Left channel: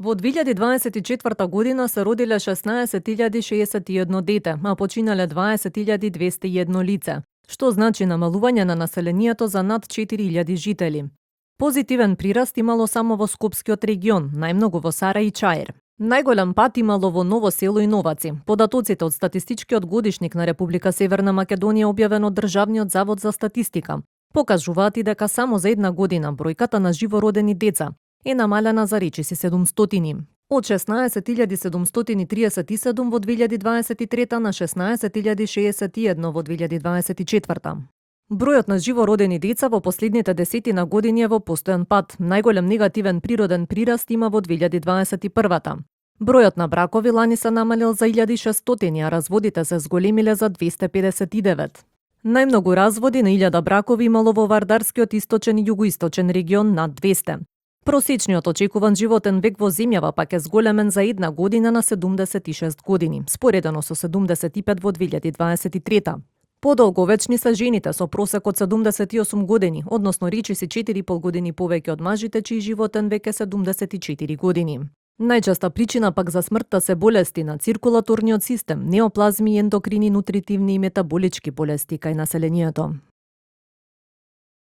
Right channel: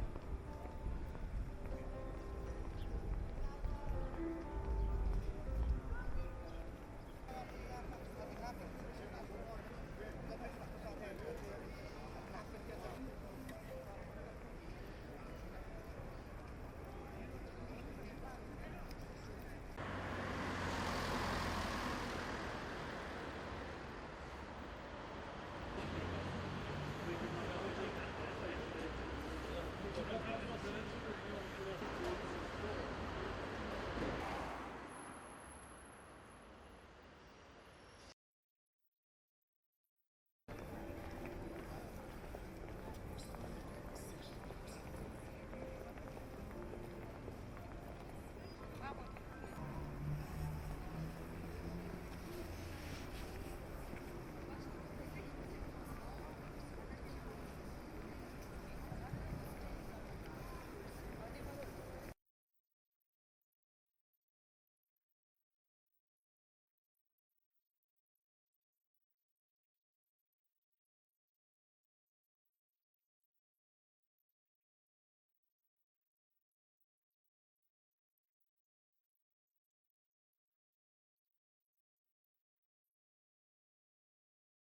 Во 2024 година се родиле 16.061 дете, а починале 20.201 лице, што значи намалување на населението за над 4.000 жители. Позитивен прираст имало само во Скопскиот регион, најмногу во Сара и Чаир. Најголем пат имало во Ново село и Новаци. Податоците од статистичкиот годишник на Република Северна Македонија објавен од Државниот завод за статистика покажуваат и дека само за една година бројката на живородени деца е намалена за речиси 700. Од 16.737 во 2023 на 16.061 во 2024. Бројот на живородени деца во последните десетина години е во постојан пат. Најголем негативен природен прираст има во 2021. Бројот на бракови лани се намалил за 1600, а разводите се зголемиле за 259. Најмногу разводи на 1000 бракови имало во Вардарскиот источен и југоисточен регион над 200. Просечниот очекуван животен век во земјава пак е зголемен за една година на 76 години, споредено со 75 во 2023. Подолговечни се жените со просек од 78 години, односно речиси 4,5 години повеќе од мажите чиј животен век е 74 години. Најчеста причина пак за смртта се болести на циркулаторниот систем, неоплазми, ендокрини, нутритивни и метаболички болести кај населението.